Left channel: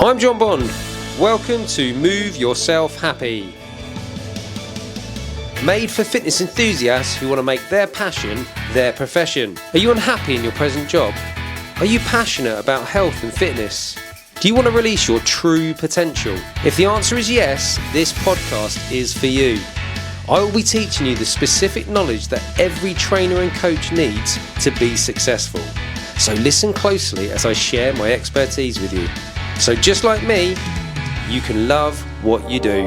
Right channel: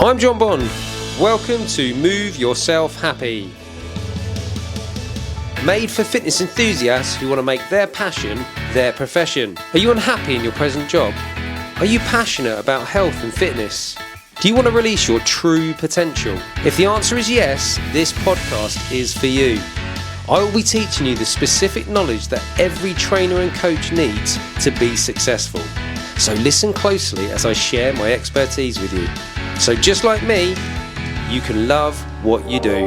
I'm Jon Bond. Welcome to Move Yourself Happy. Made for fitness enthusiasts who want to make their passion their profession. Are you unhappy in your present job? Are you passionate about health and fitness? Do you want to release your true potential? If the answer is yes, this podcast is for you. I will be teaching you the specific knowledge that every trainer and coach needs to be successful. So listen closely as I share my expertise with you. So just like me, you can love what you do.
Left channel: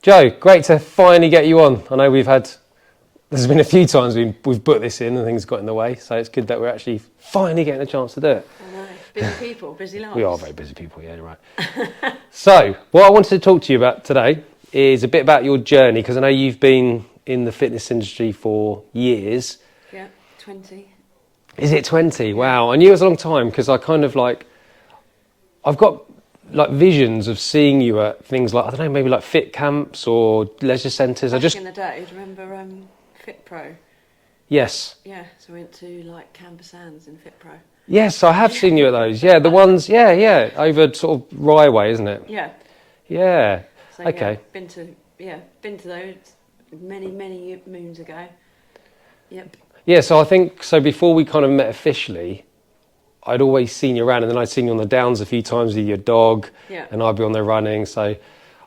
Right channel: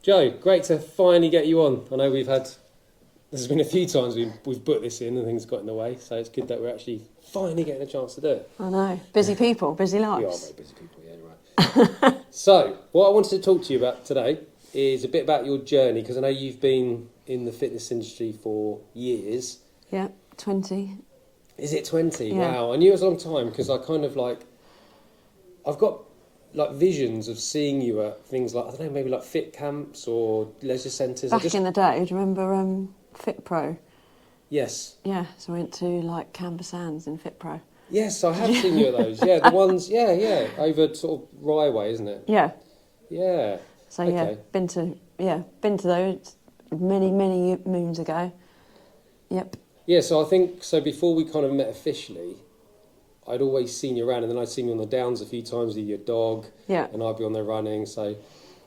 Joe, great to finally get you on. I know there's been a few times we've put this in and things got in the way, so it's good that we're actually finally getting a chance to do it. I know, busy people, busy lives. We are very busy people, yeah, right. So, what I wanted to talk to you about today is a bit about your journey, because I know you've been in the fitness industry for years. Yeah, 20. Is it 20? Yeah. Wow, I knew it was a long time, because I've got visions of seeing you at things like, I don't know, maybe like fit camps or leisure centres. Back in the day, do you remember Fit Pro? Yes. Yeah, so I went to like Canberra Sands in Fit Pro. Yes, I have seen you at those. Yeah, the ones, yeah, over sort of Rye Way, isn't it? Yeah. Yeah. So okay. yeah, been to those many moons ago. Yep. Yeah, so I think, before we kind of met officially, I'd always seen you around, and then I'd seen you on the downs a few times with your dog, yeah. And I'd be on there running, so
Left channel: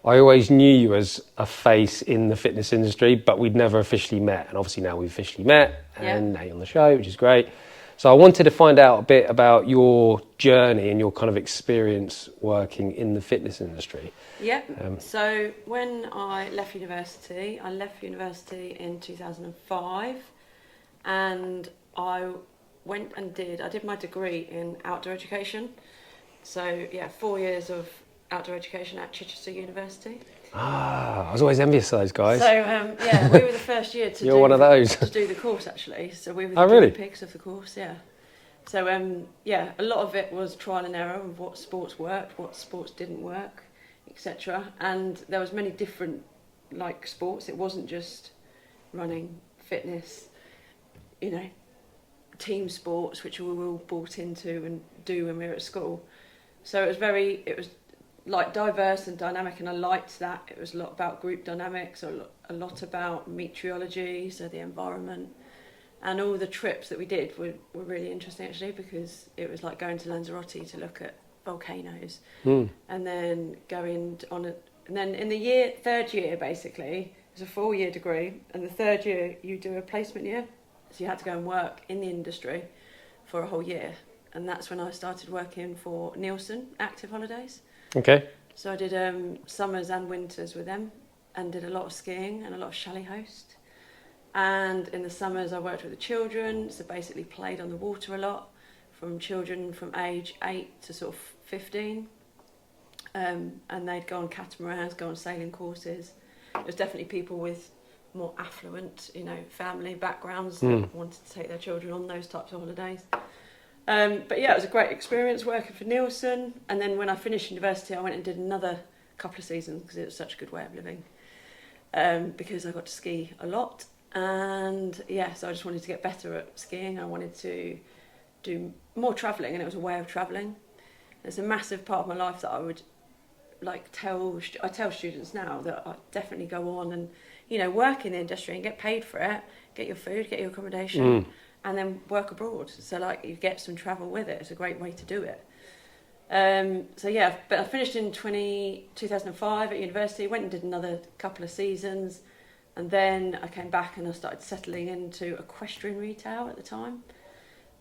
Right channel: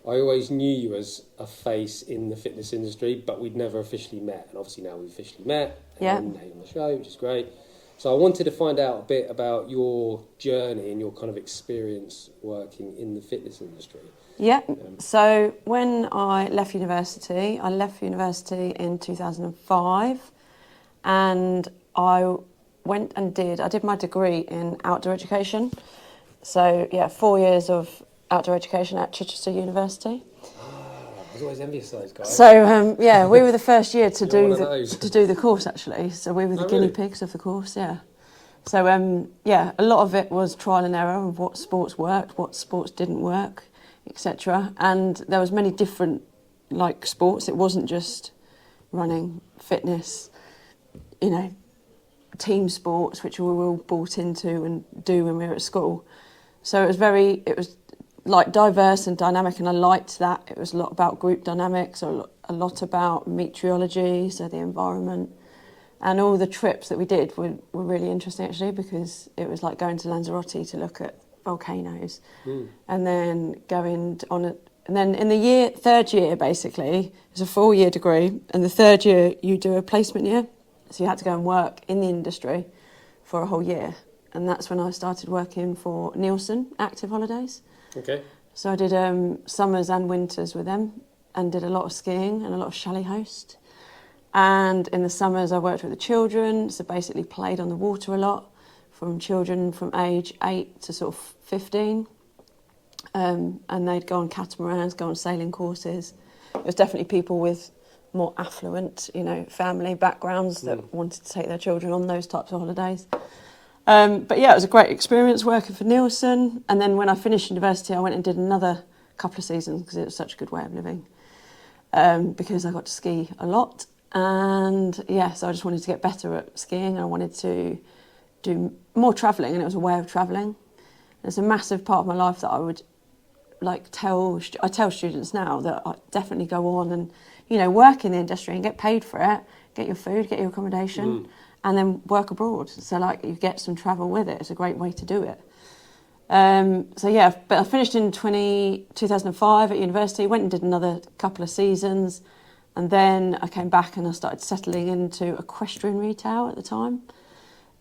I always knew you as a face in the fitness industry, but we'd never officially met, and obviously now we've officially met, and now you're on the show, which is great. So I wanted to find out a bit about your journey and your kind of experience working in the fitness industry. Yeah, so when I left university in 2005, and I did my degree in outdoor education. So yeah, 4 years of outdoor education at Chichester University. Ah, I was always envious of those guys. So yeah, we were the first year to do the course actually. So we were the guinea pigs of the course, yeah. So yeah, a lot of it was trial and error of what sports worked, what sports didn't work, etc. And there was many different like sports. It wasn't just running, fitness, team sports, which we were all brought into and do when we were at school. So it was like diverse and dynamic, and I liked that. It was a lot about group dynamics, a lot about meteorology, so the environment, and all the trips that we did were really interesting actually, because it was like going to Lanzarote to look at volcanoes, and then and then in the third year basically, it's a 4-year degree, and the third year you do a placement year. So you had to go and work in the industry for a whole year. And that's when I started working for Nielsen Active Holidays. Okay. So I did summers and winters with them, and did a lot of skiing and a lot of chalet host. And in the summers I worked with the children, so basically played on the water a lot, from children from age 8 to sort of 15. And they'd go on catamarans, go on sailing courses. It was definitely people with more affluent, family backgrounds that wanted to take their children on those types of holidays. But yeah, it was a great experience working for Nielsen. And then when I finished university, I went and did another couple of seasons because it was such a good way of living. Because I got to ski a lot. And yeah, so I just wanted to get better at skiing. I wanted to do more travelling, and it was a way of travelling. It's a massive part of my life that I would tell students now that I definitely go on and work in the industry and get paid for it, get your food, get your accommodation, and then work abroad. So you get some travel with it. It's a great way to do it. So yeah, but I finished in 2005 at university, went and did another couple of seasons, and then I came back and I started settling into equestrian retail at the time,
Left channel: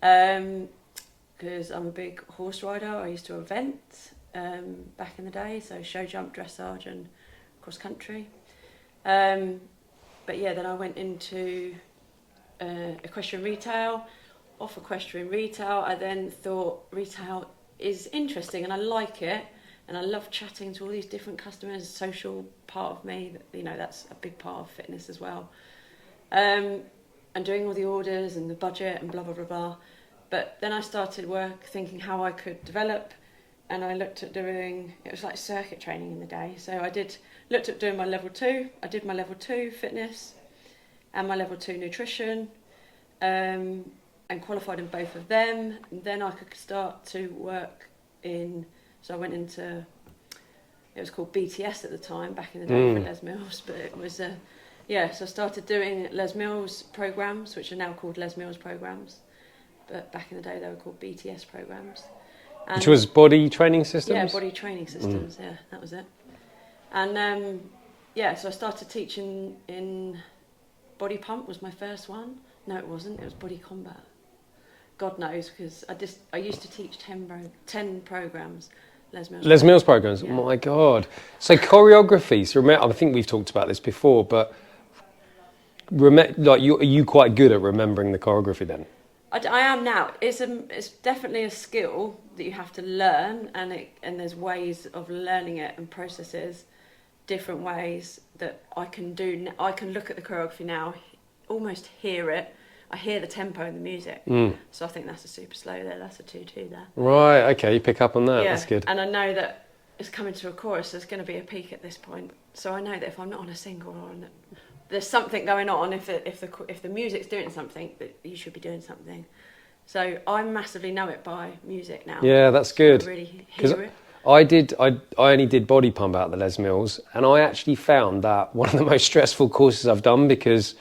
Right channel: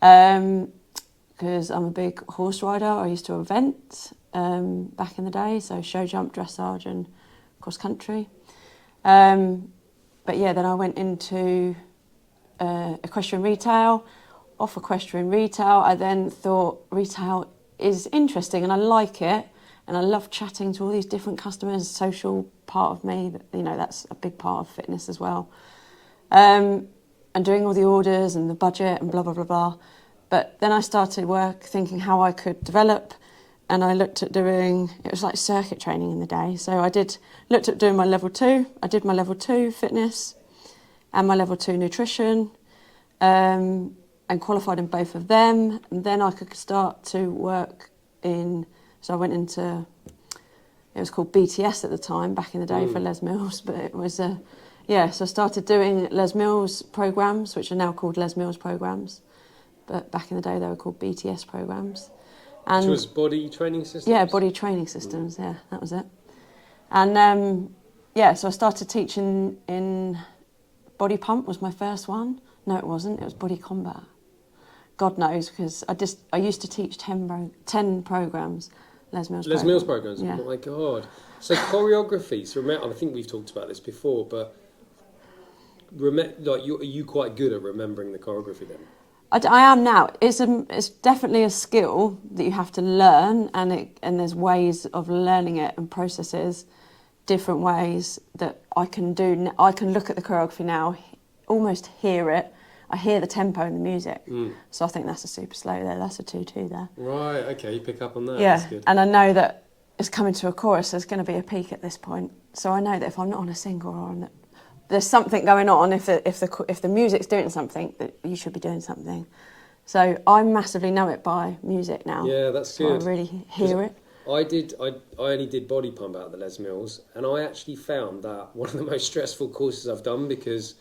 because I'm a big horse rider. I used to event back in the day, so show jump, dressage and cross country. But yeah, then I went into equestrian retail. Off equestrian retail, I then thought retail is interesting and I like it, and I love chatting to all these different customers. Social part of me, that's a big part of fitness as well. And doing all the orders and the budget and blah blah blah blah. But then I started thinking how I could develop, and I looked at doing, it was like circuit training in the day. So I looked at doing my level 2. I did my level 2 fitness and my level 2 nutrition. and qualified in both of them. And then I could start to work in, so I went into, it was called BTS at the time, back in the day for Les Mills, but it was, so I started doing Les Mills programmes, which are now called Les Mills programmes, but back in the day they were called BTS programmes. Which was body training systems? Yeah, body training systems, yeah, that was it. And so I started teaching in body pump was my first one. No, it wasn't, it was body combat. God knows, because I used to teach 10 programmes, Les Mills programmes, yeah. Oh my God. So choreography, so remember, I think we've talked about this before, but are you quite good at remembering the choreography then? I am now. It's definitely a skill that you have to learn, and there's ways of learning it and processes, different ways that I can do. I can look at the choreography now, almost hear it. I hear the tempo and the music. So I think that's a super slow there. That's a 2-2 there. Right, okay, you pick up on that. Yeah, that's good. and I know that it's coming to a chorus. There's going to be a peak at this point. So I know that if I'm not on a single or on there's something going on. If the music's doing something, that you should be doing something. So I massively know it by music now. Yeah, that's good. I really hear it. I only did body pump out at the Les Mills, and I actually found that one of the most stressful courses I've done, because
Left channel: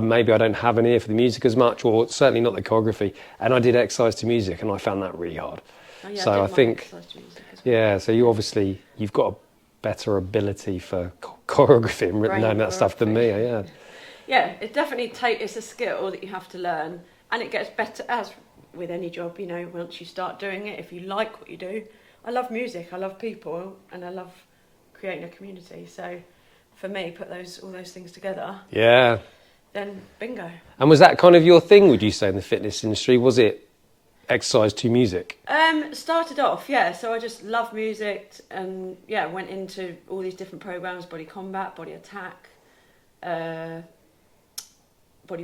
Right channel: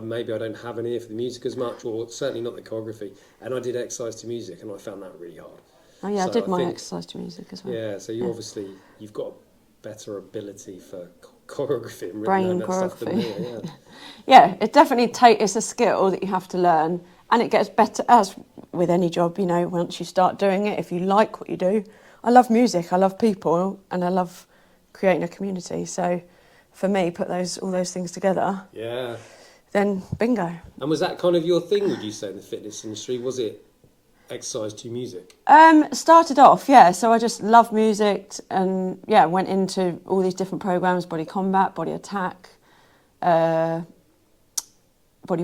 maybe I don't have an ear for the music as much, or certainly not the choreography. And I did exercise to music, and I found that really hard. Oh yeah, so I did my exercise to music as well. Yeah, so you've got a better ability for choreography and knowing that stuff than me. Yeah. Yeah, it definitely it's a skill that you have to learn, and it gets better as with any job. You know, once you start doing it, if you like what you do. I love music, I love people, and I love creating a community. So, for me, put all those things together. Yeah. Then bingo. And was that kind of your thing, would you say, in the fitness industry? Was it exercise to music? Started off, yeah. So I just loved music, and went into all these different programs: body combat, body attack, body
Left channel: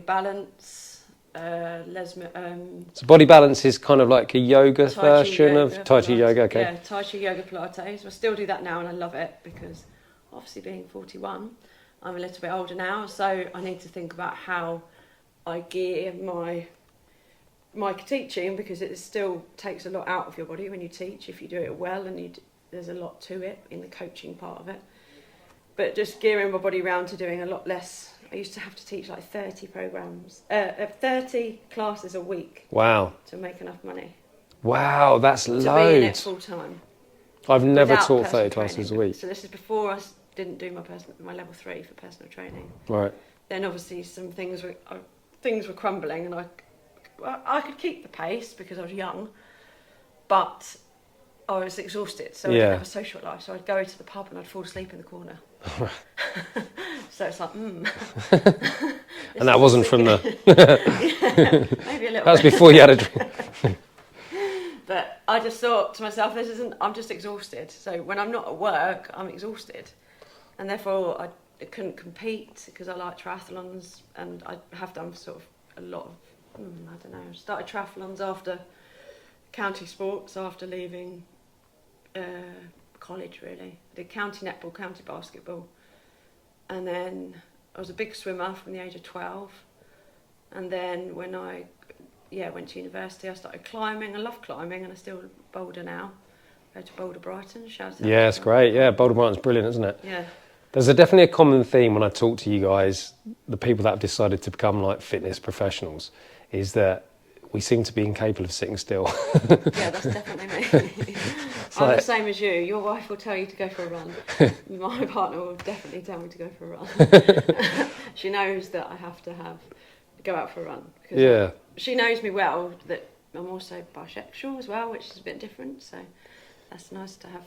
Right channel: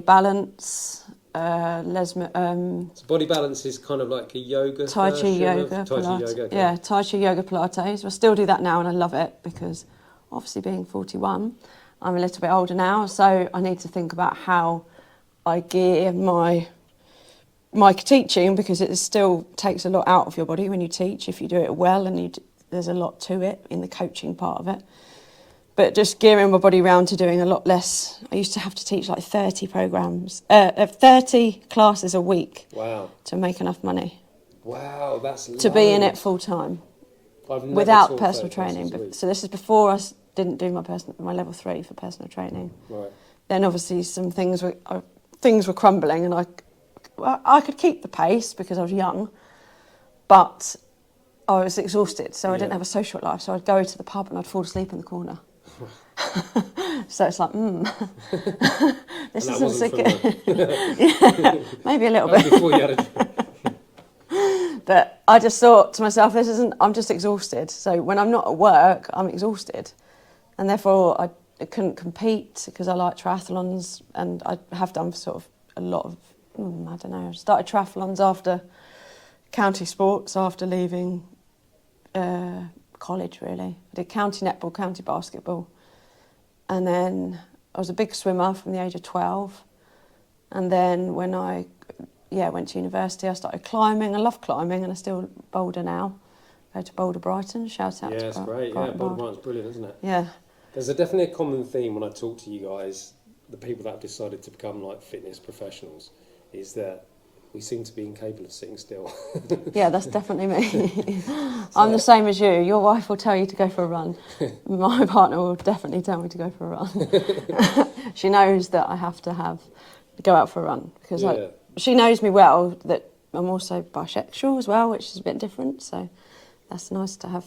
balance. So body balance is kind of like a yoga version of Tai Chi yoga. Okay. Yeah, Tai Chi yoga Pilates. I still do that now, and I love it, because obviously being 41, I'm a little bit older now, so I need to think about how I gear my teaching, because it still takes a lot out of your body when you teach, if you do it well, and there's a lot to it in the coaching part of it. But just gearing my body around to doing a lot less. I used to have to teach like 30 classes a week. Wow. To make enough money. Wow, that's loads. To be in it full time. I've never taught 30 classes a week. So this is before I didn't do my level 3 for personal training. Right. Then obviously some things were crumbling, and I could keep the pace because I was young, but I was exhausted, so I didn't have a social life. So I'd go to the pub and I'd fall asleep in the corner. So it's like, and that wasn't from maybe a little bit. That was before you had a drink. But I just thought to myself, I'm just exhausted. So when I'm not at work, I'm exhausted. And therefore I couldn't compete, because I like triathlons, and I have done sort of a lot of, I don't know, I started triathlons after county sports, after leaving college, really. I did county netball, county basketball, and then I was a big swimmer from the age of 12. And then when I went to university, I started climbing. I love climbing, and I still boulder now. I go to Boulder Brighton, shout out. Yeah, it's great. Yeah, Boulder Brighton's brilliant, isn't it? Yeah. There's definitely a common theme when I talk to you guys, the people that have decided to become like fitness professionals, is that we seem to be incapable of sitting still. Yeah, that's definitely me. I'm the same as you. Your wife will tell you to go for a run. My partner will definitely tell me to go for a run. She knows that I have to go out for a run, because she knows me well, that I'm also bisexual as well, which is a bit different. So that's nice to have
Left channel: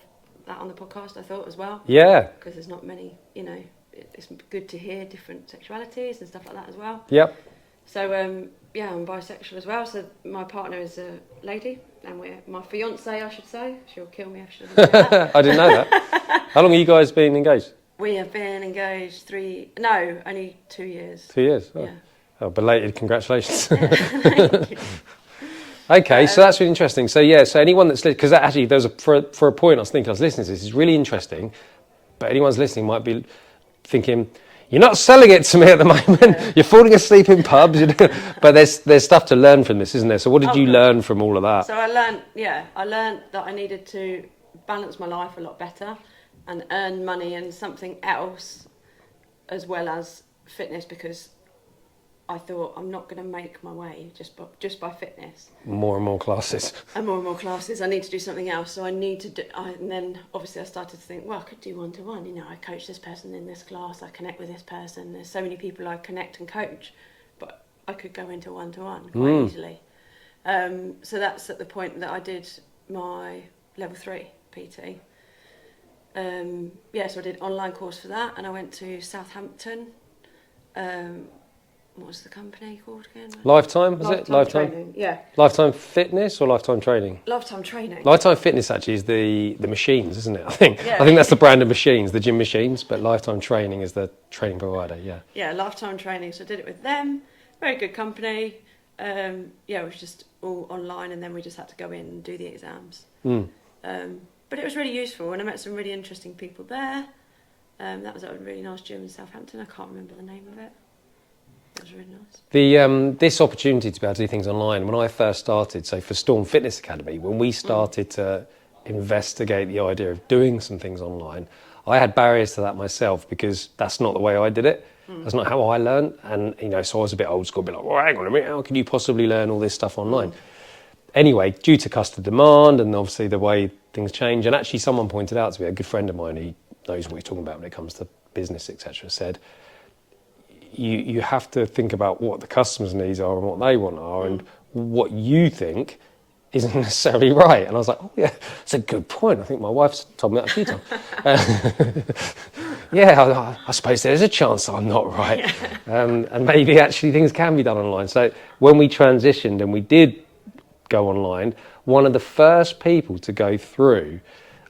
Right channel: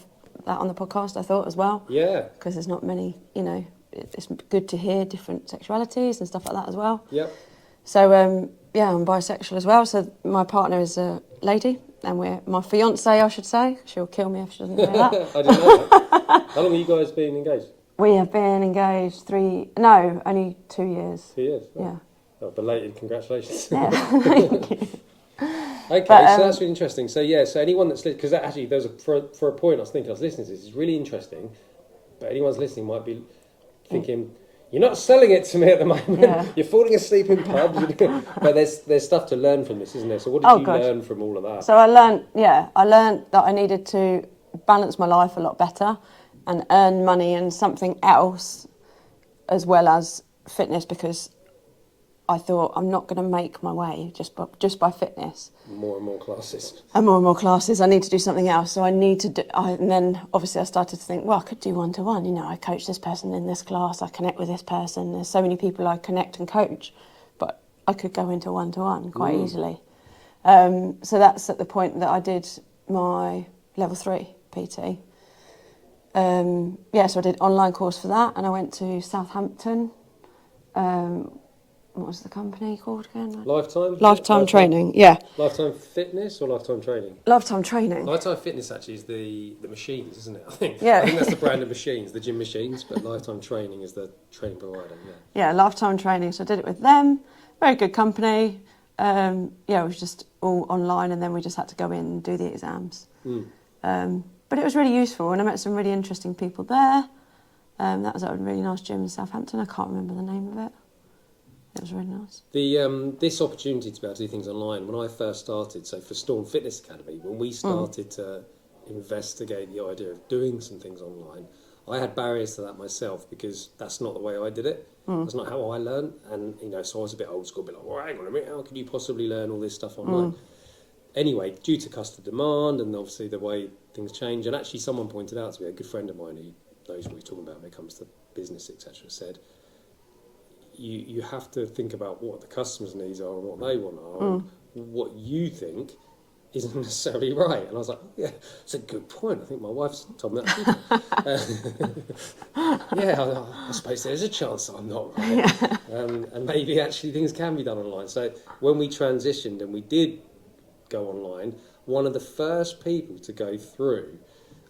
that on the podcast, I thought, as well. Yeah. Because there's not many, it's good to hear different sexualities and stuff like that as well. Yep. So, I'm bisexual as well. So my partner is a lady, and my fiancée, I should say. She'll kill me if she doesn't say that. I didn't know that. How long have you guys been engaged? We have been engaged only 2 years. 2 years? Oh. Yeah. Oh, belated congratulations. Yeah, thank you. Okay, so that's really interesting. So so anyone that's listening, because actually there was for a point I was listening to this is really interesting, but anyone's listening might be thinking, You're not selling it to me at the moment. Yeah. You're falling asleep in pubs. But there's stuff to learn from this, isn't there? So what did you learn from all of that? So I learned that I needed to balance my life a lot better and earn money and something else as well as fitness, because I thought I'm not going to make my way just by fitness. More and more classes. And more classes. I need to do something else. So I need to do. And then obviously I started to think, well, I could do one-to-one. You know, I coach this person in this class. I connect with this person. There's so many people I connect and coach, but I could go into one-to-one quite easily. So that's at the point that I did my level 3 PT. So I did online course for that, and I went to Southampton. What was the company called again? Lifetime? Lifetime Training, yeah. Lifetime Fitness or Lifetime Training? Lifetime Training. Lifetime Fitness actually is the machines, isn't it? I think Yeah. that's the brand of machines, the gym machines, but Lifetime Training is the training provider, yeah. Yeah, Lifetime Training. So I did it with them. Very good company. It was just all online, and then we just had to go in and do the exams. But it was really useful, and I met some really interesting people there. That was at a really nice gym in Southampton. I can't remember the name of it. It was really nice. This opportunity to be able to do things online, when I first started, so for Storm Fitness Academy, when we started to investigate the idea of doing some things online, I had barriers to that myself because that's not the way I did it. That's not how I learned. And, so I was a bit old school, a bit like, well, hang on a minute, how can you possibly learn all this stuff online? Anyway, due to customer demand and obviously the way things change, and actually someone pointed out to me, a good friend of mine who knows what he's talking about when it comes to business, etc., said, you have to think about what the customer's needs are and what they want are, and what you think isn't necessarily right. And I was like, oh yeah, that's a good point. I think my wife's told me that a few times. I suppose there's a chance I'm not right. And maybe actually things can be done online. So when we transitioned and we did go online, one of the first people to go through,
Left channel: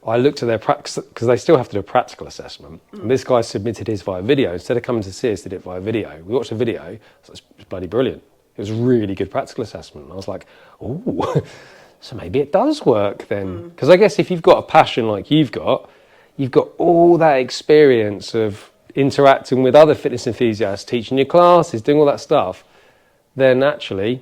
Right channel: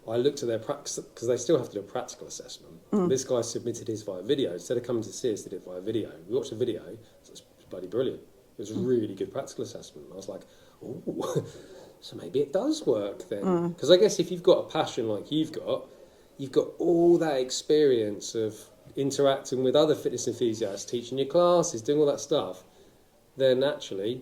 I looked at their practice, because they still have to do a practical assessment. And this guy submitted his via video. Instead of coming to see us, did it via video. We watched a video. So it's bloody brilliant. It was a really good practical assessment. And I was like, oh, so maybe it does work then. Because I guess if you've got a passion like you've got all that experience of interacting with other fitness enthusiasts, teaching your classes, doing all that stuff, then actually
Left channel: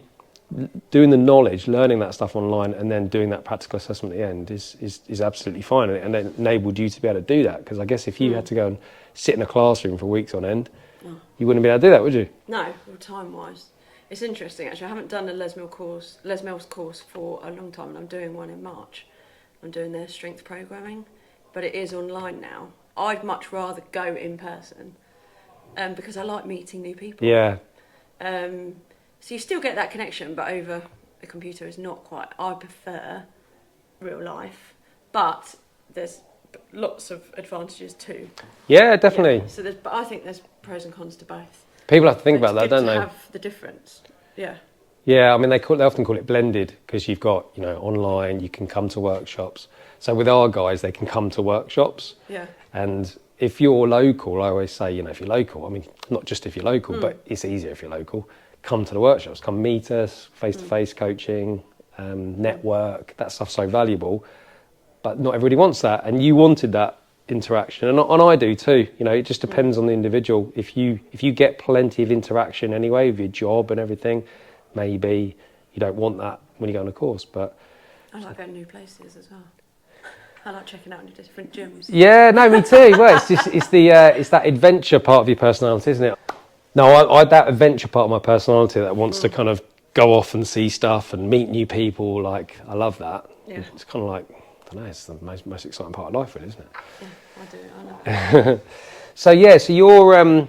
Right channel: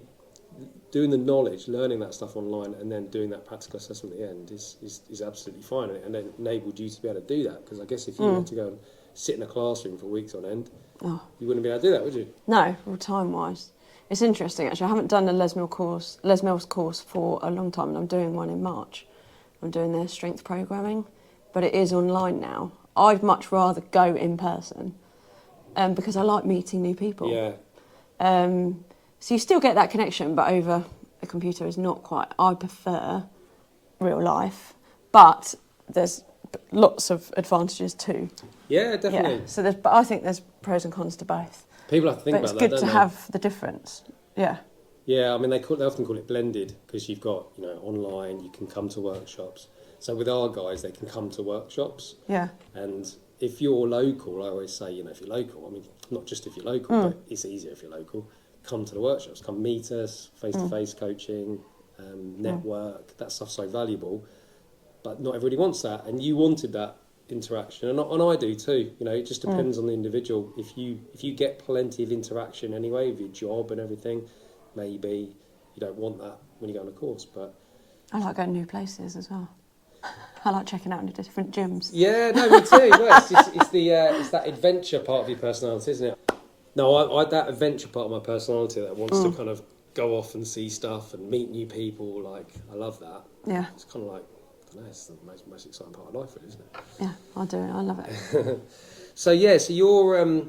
doing the knowledge, learning that stuff online, and then doing that practical assessment at the end is absolutely fine, and it enabled you to be able to do that. Because I guess if you had to go and sit in a classroom for weeks on end, you wouldn't be able to do that, would you? No, well, time-wise. It's interesting, actually. I haven't done a Les Mills course for a long time, and I'm doing one in March. I'm doing their strength programming, but it is online now. I'd much rather go in person because I like meeting new people. Yeah. So you still get that connection, but over a computer is not quite. I prefer real life, but there's lots of advantages too. Yeah, definitely. Yeah. So but I think there's pros and cons to both. People have to think about that, don't they? It's good to have the difference. Yeah. Yeah, I mean, they often call it blended because you've got, online, you can come to workshops. So with our guys, they can come to workshops. Yeah. And if you're local, I always say, if you're local, I mean, not just if you're local, but it's easier if you're local. Come to the workshops, come meet us, face-to-face coaching, network, that stuff's so valuable. But not everybody wants that, and you wanted that interaction, and I do too. It just depends on the individual. If you get plenty of interaction anyway with your job and everything, maybe you don't want that when you go on a course. But I like going to new places as well. I like checking out into different gyms. Yeah, no, me too. Well, it's that adventure part of your personality, isn't it? No, I that adventure part of my personality that wants to kind of go off and see stuff and meet new people. Like, I love that. Yeah. It's kind of like, I don't know, it's the most exciting part of life, really, isn't it? Yeah, I do. I love it. So you're,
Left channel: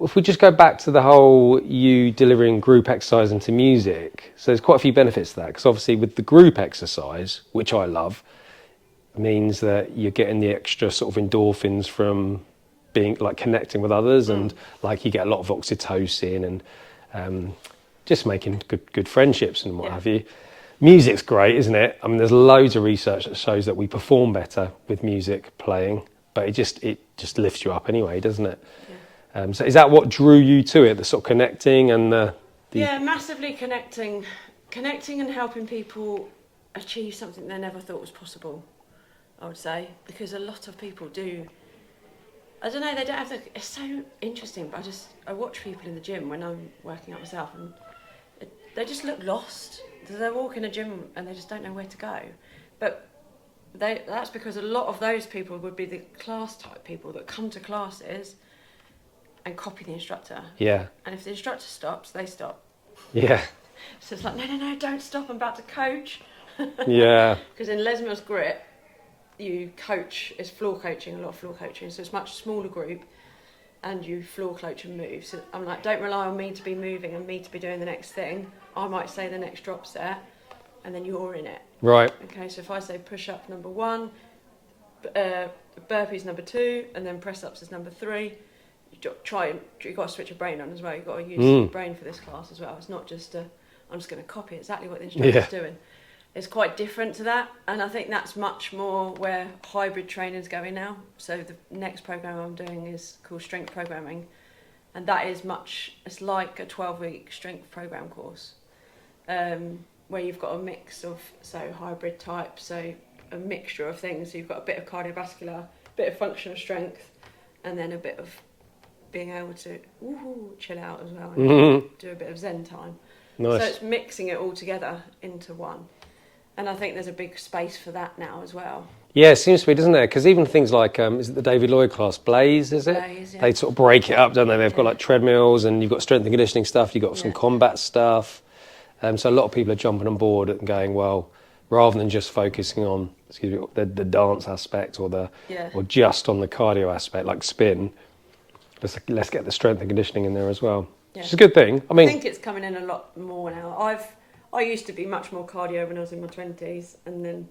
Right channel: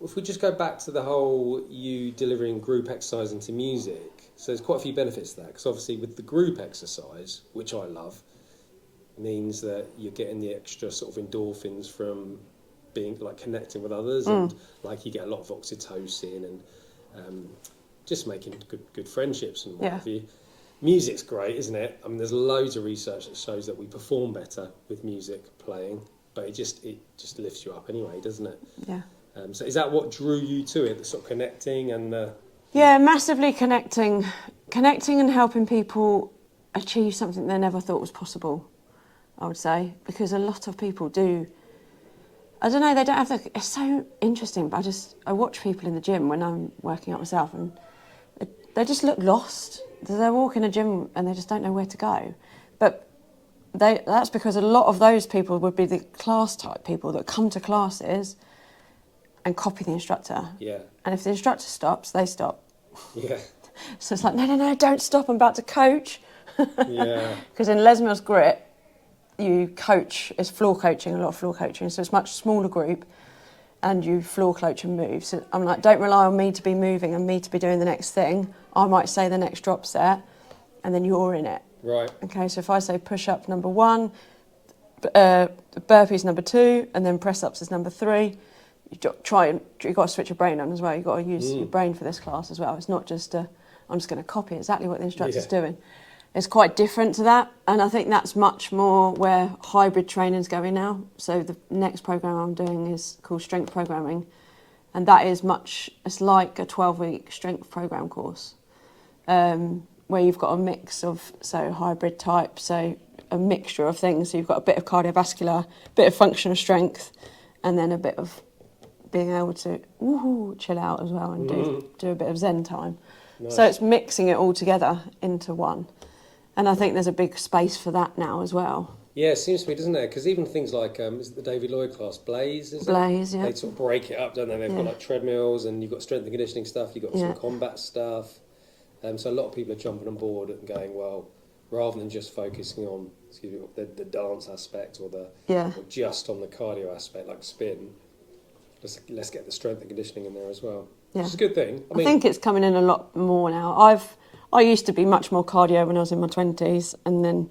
if we just go back to the whole you delivering group exercise into music, so there's quite a few benefits to that, because obviously with the group exercise, which I love, means that you're getting the extra sort of endorphins from being like connecting with others, and like you get a lot of oxytocin and just making good friendships and what have you. Music's great, isn't it? I mean, there's loads of research that shows that we perform better with music playing, but it just lifts you up anyway, doesn't it? Yeah. So is that what drew you to it, the sort of connecting and the Yeah, massively connecting and helping people achieve something they never thought was possible, I would say, because a lot of people do I don't know, they don't have the, it's so interesting, but I watch people in the gym when I'm working out myself, and they just look lost. They walk in a gym and they just don't know where to go. But that's because a lot of those people would be the class type people that come to classes and copy the instructor. Yeah. And if the instructor stops, they stop. Yeah. So it's like, no, don't stop, I'm about to coach. Yeah. Because in Les Mills Grit, you coach, it's floor coaching, a lot of floor coaching, so it's a much smaller group, and you floor coach and move. So I'm like, don't rely on me to be moving and me to be doing the next thing. I might say the next drop set, and then you're in it. Right. Okay, so if I say push-up number 1, burpees number 2, and then press-ups is number 3, you've got to switch your brain on as well. You've got to use your brain for this class as well. It's not just I'm just going to copy exactly what the instructor's doing. It's quite different to that, and I think that's much more where hybrid training's going now. So the next program I'm doing is called Strength Programming, and that is it's like a 12-week strength program course, where you've got a mix of, so hybrid type, so a mixture of things. So you've got a bit of cardiovascular, a bit of functional strength, and then a bit of being able to chill out as well and do a bit of Zen time. Nice. So it's mixing it all together into one. And I think there's a big space for that now as well. Yeah, it seems to be, doesn't there? Because even things like, is it the David Lloyd class, Blaze, is it? Blaze, yeah. They sort of break it up, don't they? They've got like treadmills, and you've got strength and conditioning stuff, you've got some combat stuff. So a lot of people are jumping on board and going, well, rather than just focusing on, the dance aspect or just on the cardio aspect, like spin, let's get the strength and conditioning in there as well. Yeah. Which is a good thing. I think it's coming in a lot more now. I used to be much more cardio when I was in my 20s, and then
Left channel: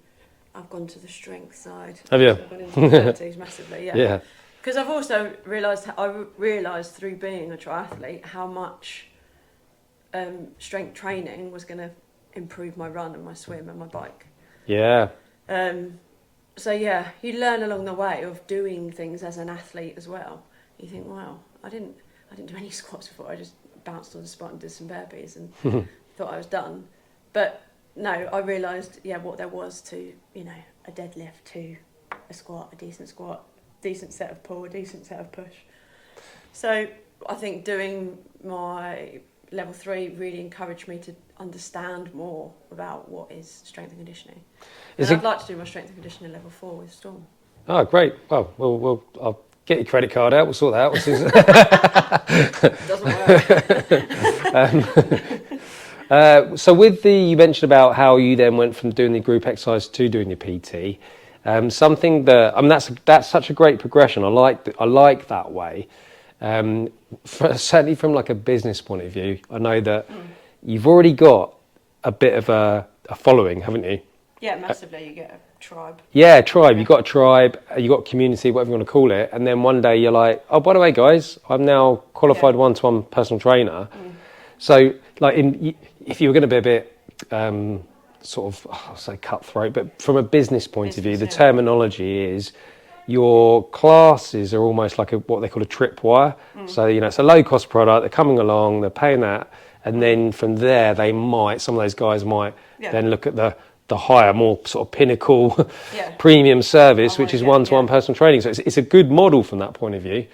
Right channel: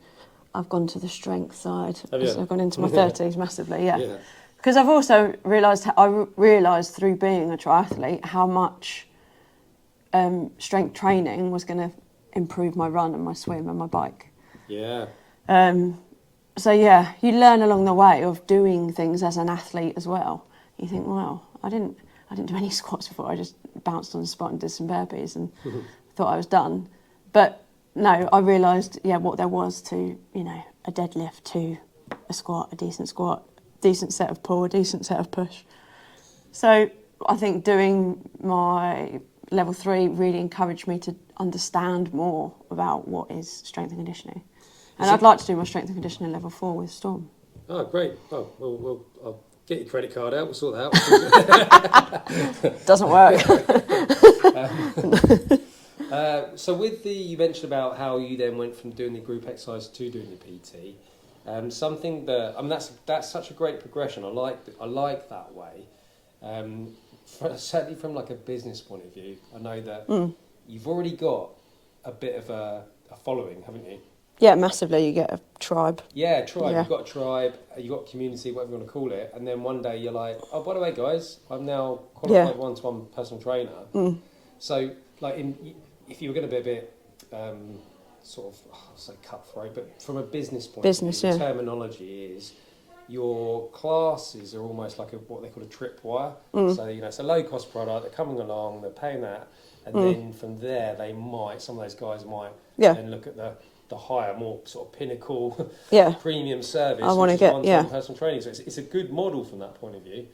I've gone to the strength side. Have you? So I've gone into my 30s massively, yeah. Because I've also realised through being a triathlete how much strength training was going to improve my run and my swim and my bike. Yeah. So yeah, you learn along the way of doing things as an athlete as well. You think, wow, I didn't do any squats before. I just bounced on the spot and did some burpees and thought I was done. But no, I realised, what there was to, a deadlift, to a squat, a decent set of pull, a decent set of push. So I think doing my level 3 really encouraged me to understand more about what is strength and conditioning. And I'd like to do my strength and conditioning level 4 with Storm. Oh, great. Well, I'll get your credit card out, we'll sort that out. Doesn't work. So you mentioned about how you then went from doing the group exercise to doing your PT. Something that, that's such a great progression. I like that way. Certainly from like a business point of view, I know that you've already got a bit of a following, haven't you? Yeah, massively. You get a tribe. Yeah, tribe. Yeah. You've got a tribe, you've got a community, whatever you want to call it. And then one day you're like, oh, by the way, guys, I'm now qualified one-to-one personal trainer. So, like, if you were going to be a bit I'll say cutthroat, but from a business point of view, the terminology is your classes are almost like what they call a tripwire. So, it's a low-cost product. They're coming along, they're paying that. And then from there, some of those guys might then look at the higher, more sort of pinnacle premium service, which is one-to-one personal training. So it's a good model from that point of view.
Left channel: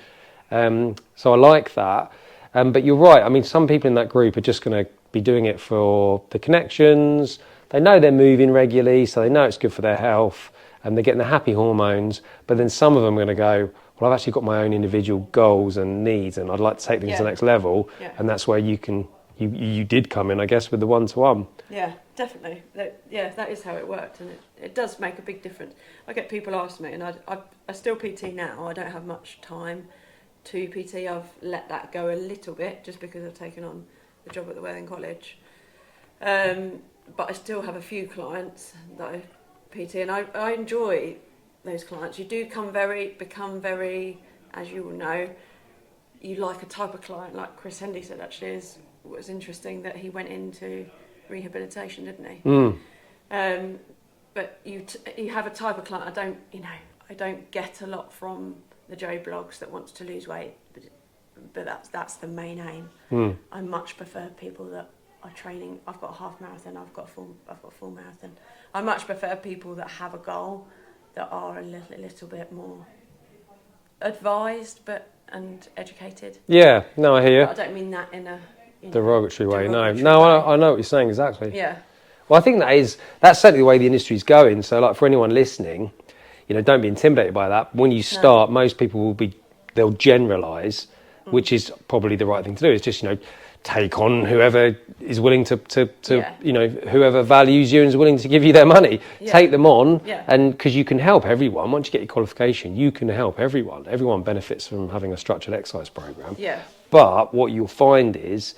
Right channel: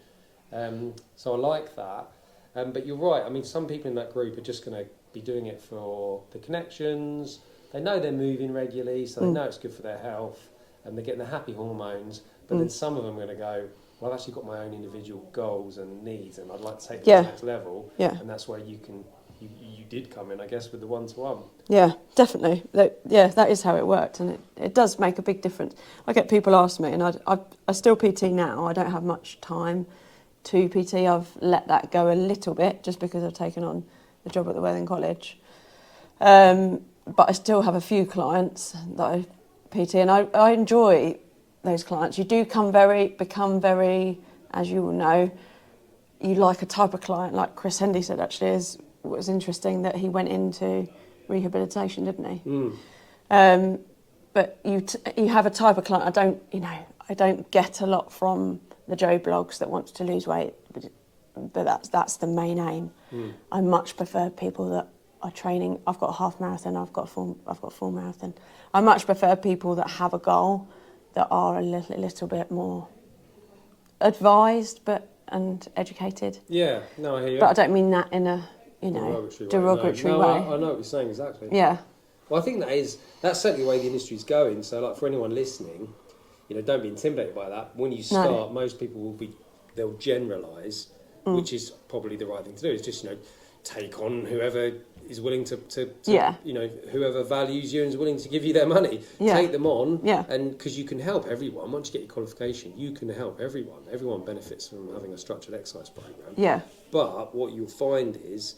So I like that. But you're right. I mean, some people in that group are just going to be doing it for the connections. They know they're moving regularly, so they know it's good for their health, and they're getting the happy hormones. But then some of them are going to go, well, I've actually got my own individual goals and needs, and I'd like to take things to the next level. Yeah. And that's where you did come in, I guess, with the one-to-one. Yeah, definitely. That is how it worked, and it does make a big difference. I get people ask me, and I still PT now. I don't have much time to PT. I've let that go a little bit just because I've taken on the job at the Worthing College. But I still have a few clients that I PT, and I enjoy those clients. You do become very, as you will know, you like a type of client, like Chris Hendy said actually, was interesting that he went into rehabilitation, didn't he? But you have a type of client. I don't get a lot from the Joe blogs that wants to lose weight, but that's the main aim. I much prefer people that are training. I've got a half marathon. I've got a full marathon. I much prefer people that have a goal, that are a little bit more advised and educated. Yeah, no, I hear you. But I don't mean that in a Derogatory way. derogatory No, way. I know what you're saying exactly. Yeah. Well, I think that's certainly the way the industry's going. So, like for anyone listening, don't be intimidated by that. When you start, most people they'll generalise, which is probably the right thing to do. It's just take on whoever is willing to whoever values you and is willing to give you their money. Yeah. Take them on, Yeah. and because you can help everyone. Once you get your qualification, you can help everyone. Everyone benefits from having a structured exercise program. Yeah. But what you'll find is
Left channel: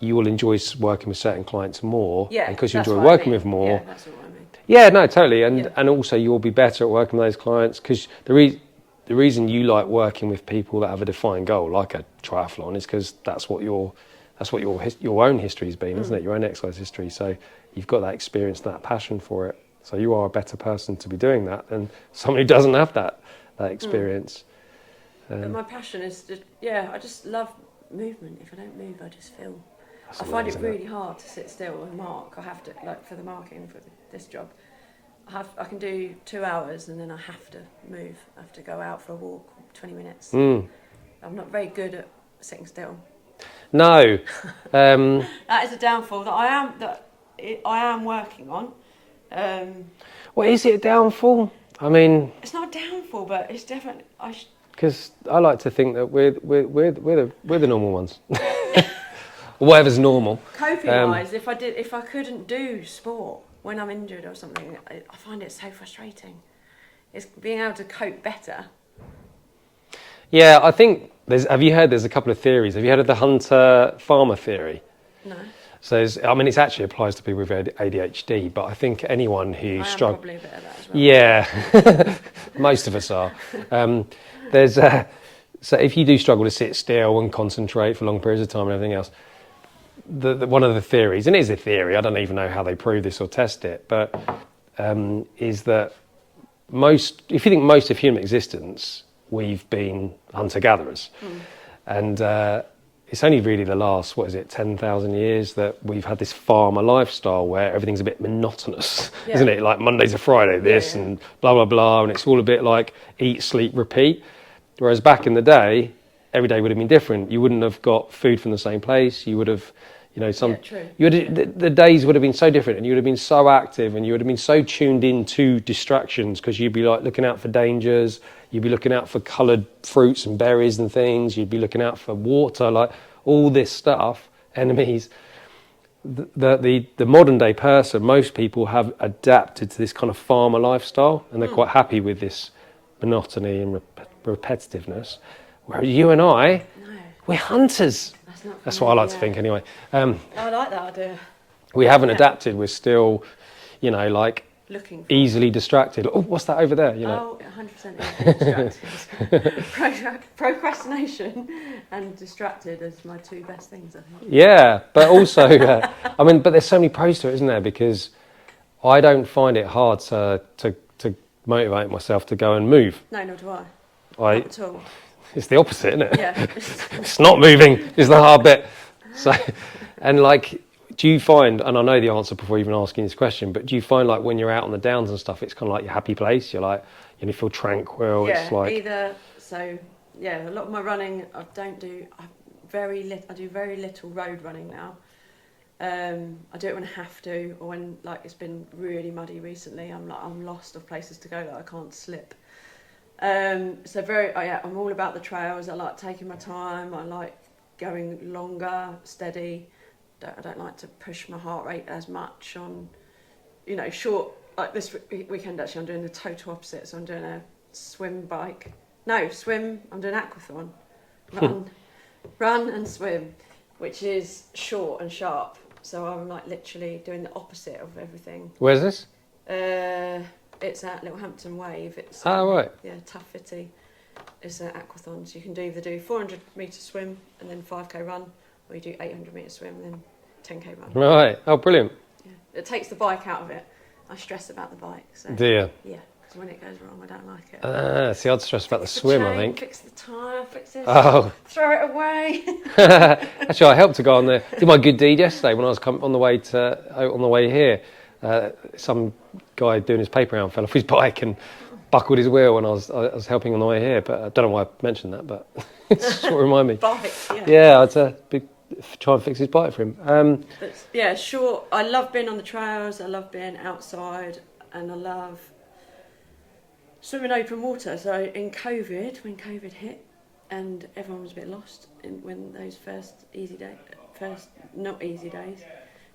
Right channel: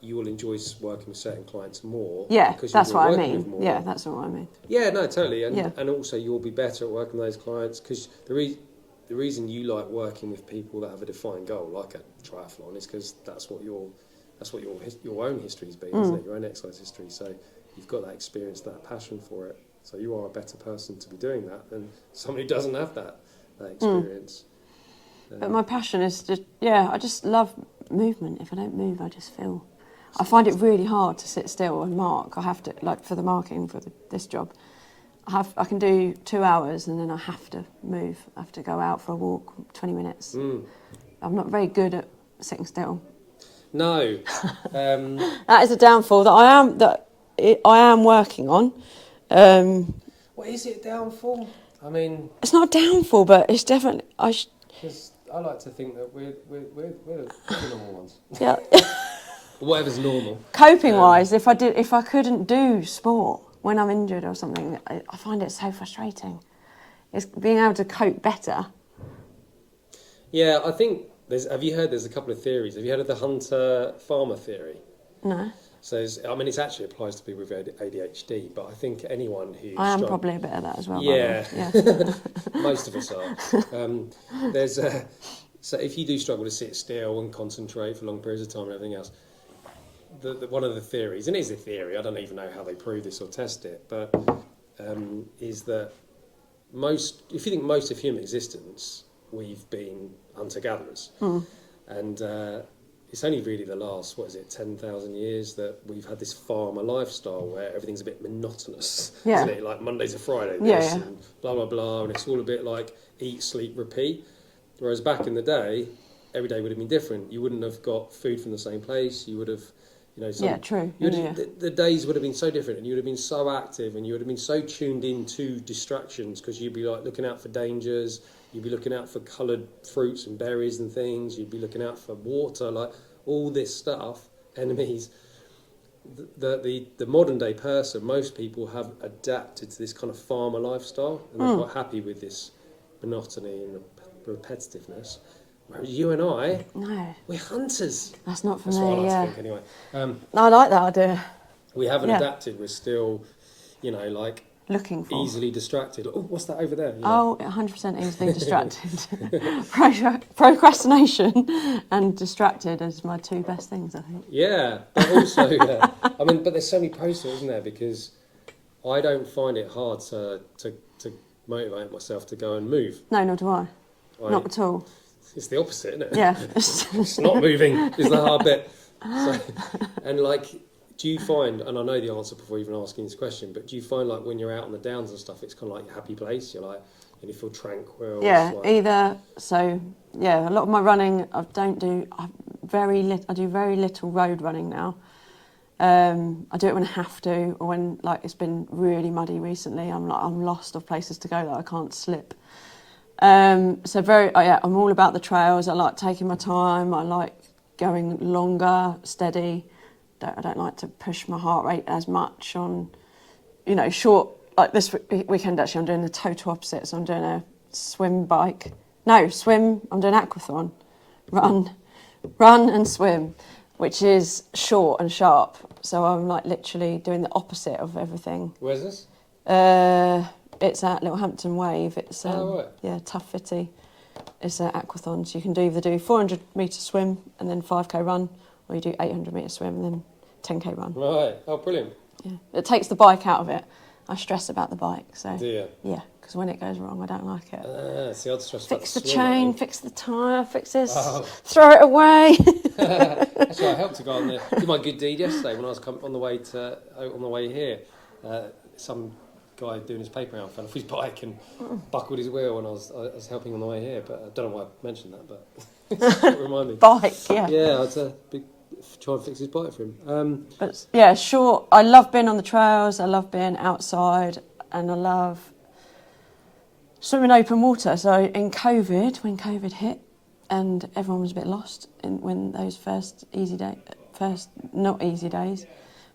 you will enjoy working with certain clients more. Yeah, because you that's enjoy what I working mean. with more. Yeah, that's what I mean. Yeah, no, totally. And Yeah. and also you'll be better at working with those clients because the reason you like working with people that have a defined goal, like a triathlon, is because that's what your own history's been, isn't it? Your own exercise history. So you've got that experience, that passion for it. So you are a better person to be doing that than someone who doesn't have that experience. But my passion is I just love movement. If I don't move, I just feel. I find it really hard to sit still and mark. I have to, like for the marking for this job, I can do 2 hours and then I have to move. I have to go out for a walk, 20 minutes. I'm not very good at sitting still. No. That is a downfall that I am working on. What is it a downfall? I mean, it's not a downfall, but it's definitely because I like to think that we're the normal ones. Yeah. Whatever's normal. Coping wise, if I couldn't do sport when I'm injured or something, I find it so frustrating. It's being able to cope better. Yeah, I think have you heard there's a couple of theories. Have you heard of the hunter-farmer theory? No. So it actually applies to people with ADHD, but I think anyone who I am probably a bit of that as well. Yeah, most of us are. So if you do struggle to sit still and concentrate for long periods of time and everything else, one of the theories, and it is a theory, I don't even know how they prove this or test it, but is that if you think most of human existence, we've been hunter-gatherers. And it's only really the last, 10,000 years that we've had this farmer lifestyle where everything's a bit monotonous, isn't it? Like Monday to Friday, this and blah, blah, blah, and it's all a bit like eat, sleep, repeat. Whereas back in the day, every day would have been different. You wouldn't have got food from the same place. You would have, true. The days would have been so different and you would have been so active and you would have been so tuned in to distractions because you'd be like looking out for dangers. You'd be looking out for coloured fruits and berries and things. You'd be looking out for water, like all this stuff, enemies. The modern day person, most people have adapted to this kind of farmer lifestyle and they're quite happy with this monotony and repetitiveness. Whereas you and I, we're hunters. That's not for That's me, what I like to think anyway. I like that idea. We haven't adapted. We're still, looking for. easily distracted. Oh, what's that over there? 100% easily distracted. Procrastination and distracted is my two best things, I think. Yeah, but also, but there's so many pros to it, isn't there? Because I don't find it hard to motivate myself to go and move. No, nor do I. Not at all. It's the opposite, isn't it? Yeah. It's not moving is the hard bit. So, and do you find, and I know the answer before even asking this question, but do you find like when you're out on the downs and stuff, it's kind of like your happy place? You're like, you feel tranquil. Yeah, it's like... either. So, a lot of my running, I do very little road running now. I do it when I have to, or when it's been really muddy recently. I'm lost of places to go that I can't slip. I'm all about the trails. I like taking my time. I like going longer, steady. I don't like to push my heart rate as much on, short. Like this weekend, actually, I'm doing the total opposite. So I'm doing a swim. I'm doing aquathon, run and swim, which is short and sharp. So I'm literally doing the opposite of everything. Where's this? It's at Littlehampton Wave. It's right. Yeah, tough fitty. It's an aquathon, so you can either do 400 metre swim and then 5k run, or you do 800 metre swim and then 10k run. Right. Oh, brilliant. Yeah, it takes the bike out of it. I stress about the bike. So. Do you? Yeah, because when it goes wrong, I don't like it. See, I'd stress about the Fix swim. the chain, I think. fix the tyre, fix this. Oh. Throw it away. Actually, I helped to go on did my good deed yesterday when I was on the way here. Some guy doing his paper round fell off his bike and buckled his wheel when I was helping on the way here. But I don't know why I mentioned that, but it's what reminded me. Bike, yeah. Yeah, I'd try and fix his bike for him. But yeah, sure. I love being on the trails. I love being outside, and I love swimming open water. So in COVID, when COVID hit, and everyone was a bit lost when those first not easy days.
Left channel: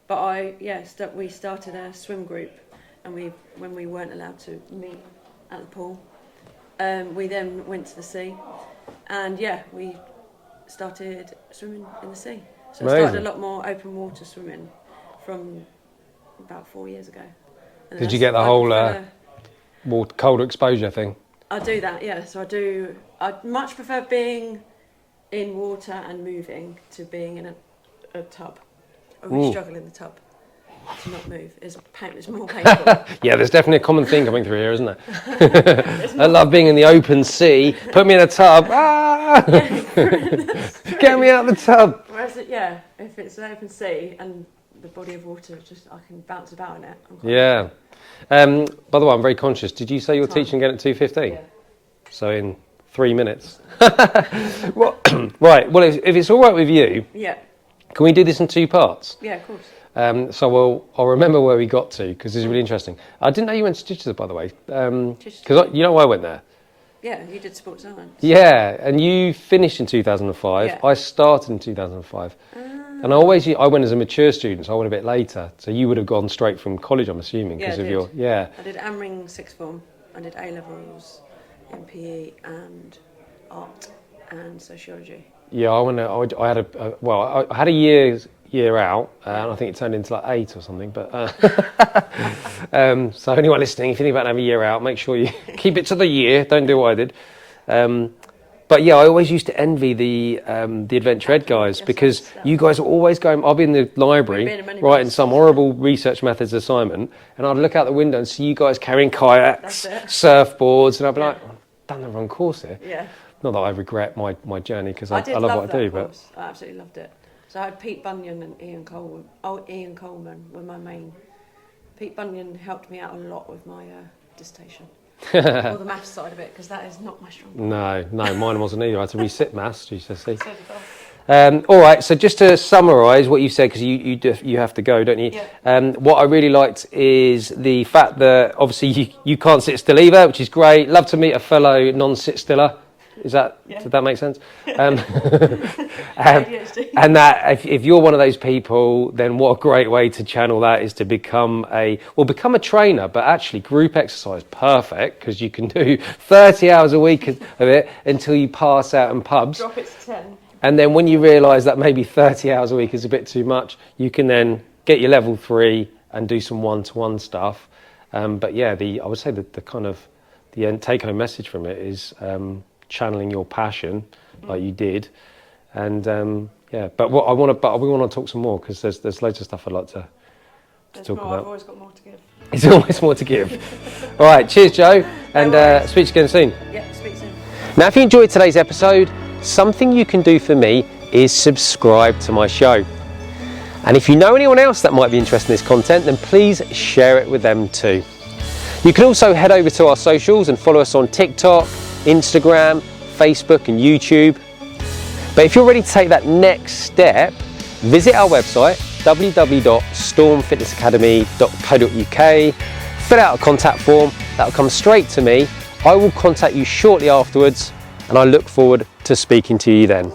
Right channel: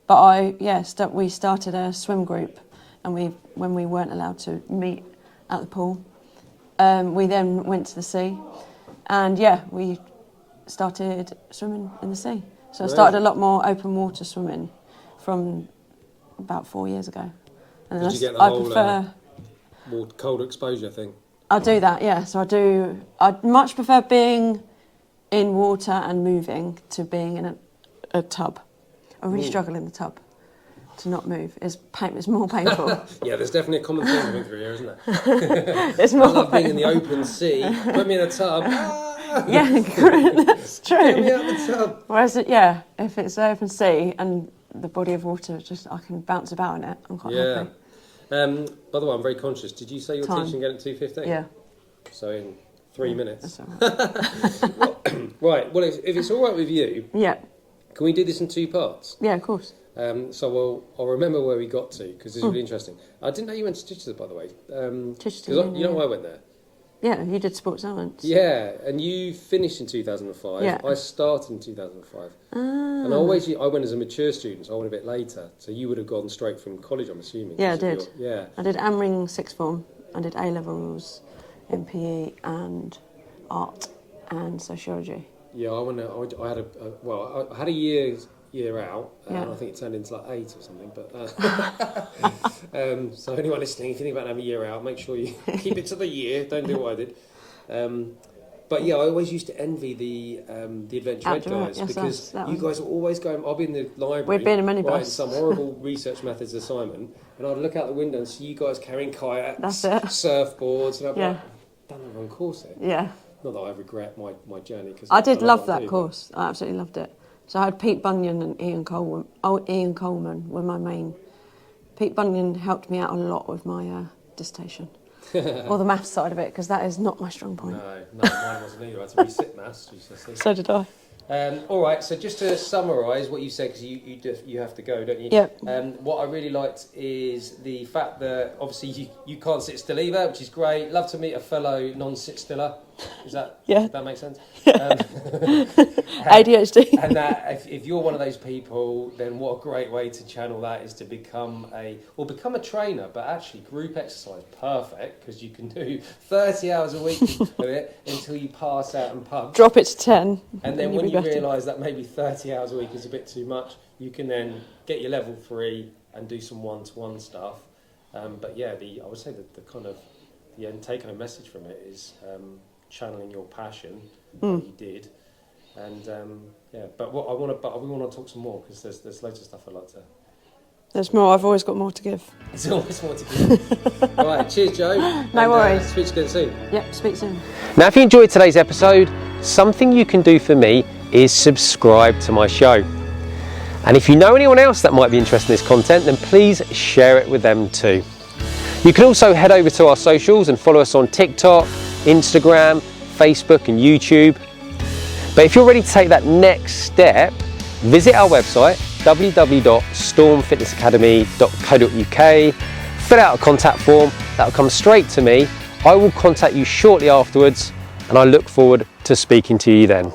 But we started a swim group, and when we weren't allowed to meet at the pool, we then went to the sea, and we started swimming in the sea. So Amazing. I started a lot more open water swimming from about 4 years ago. And Did you get the whole colder exposure thing? I do that, yeah. So I'd much prefer being in water and moving to being in a tub. I really struggle in the tub to not move. It's more painful. Yeah, there's definitely a common thing coming through here, isn't there? I love being in the open sea. Put me in a tub. Ah! Yeah, that's true. Get me out of the tub. Whereas, if it's open sea and the body of water, I can bounce about in it. I'm quite happy. By the way, I'm very conscious. Did you say you're teaching again at 2:15? Yeah. So in 3 minutes. Right. Well, if it's all right with you, Yeah. can we do this in 2 parts? Yeah, of course. So I'll remember where we got to because this is really interesting. I didn't know you went to Chichester, by the way. Because you know I went there. Yeah, you did sports science. Yeah, and you finished in 2005. Yeah. I started in 2005. And I went as a mature student, so I went a bit later. So you would have gone straight from college, I'm assuming. Yeah, I did. Yeah. I did AMRing sixth form. I did A-levels, MPE and art and sociology. Yeah, I had a year out, and I think it turned into like 8 or something. But so anyone listening, if you think about having a year out, make sure you keep it to the year. Don't do what I did. But yeah, I always used to envy the Adventure Ed guys because you guys were always going. I'll be in the library writing some horrible research methods assignment, and I'd look out the window and see you guys carrying kayaks, surfboards, and I'd be like, I've done the wrong course here. Yeah. Not that I regret my journey because I did love that what I do, course. I absolutely loved it. So I had Pete Bunyan and Ian Coleman. Ian Coleman were my main. Pete Bunyan helped me out a lot with my dissertation. Or the maths side of it, because that is not my strong point. No, mine wasn't either. I had to resit maths, GCSE. So did I. All right, so just to summarise what you said, because you have to go, don't you? Yeah. What I really liked is the fact that obviously you can't sit still either, which is great. Love to meet a fellow non-sit-stiller. Does that make sense? ADHD. And that if you're one of those people, then what a great way to channel that is to become a trainer, but actually group exercise, perfect, because you can do 30 hours a week of it until you pass out in pubs. Drop it to 10. And then when you realise that maybe 30 hours a week is a bit too much, you can then get your level 3 and do some one-to-one stuff. But yeah, I would say that the take-home message from it is channeling your passion like you did, and but we want to talk some more because there's loads of stuff I'd like to. There's more. About. I've always got more to give. There's always more to give. All right, cheers, Jo, and speak to you again soon. Yep, speak soon. Now, if you enjoyed today's episode, something you can do for me is subscribe to my show. And if you know anyone else that might be interested in this content, then please share it with them too. You can also head over to our socials and follow us on TikTok, Instagram, Facebook and YouTube. But if you're ready to take that next step, visit our website www.stormfitnessacademy.co.uk, fill out a contact form, that'll come straight to me. I will contact you shortly afterwards and I look forward to speaking to you then.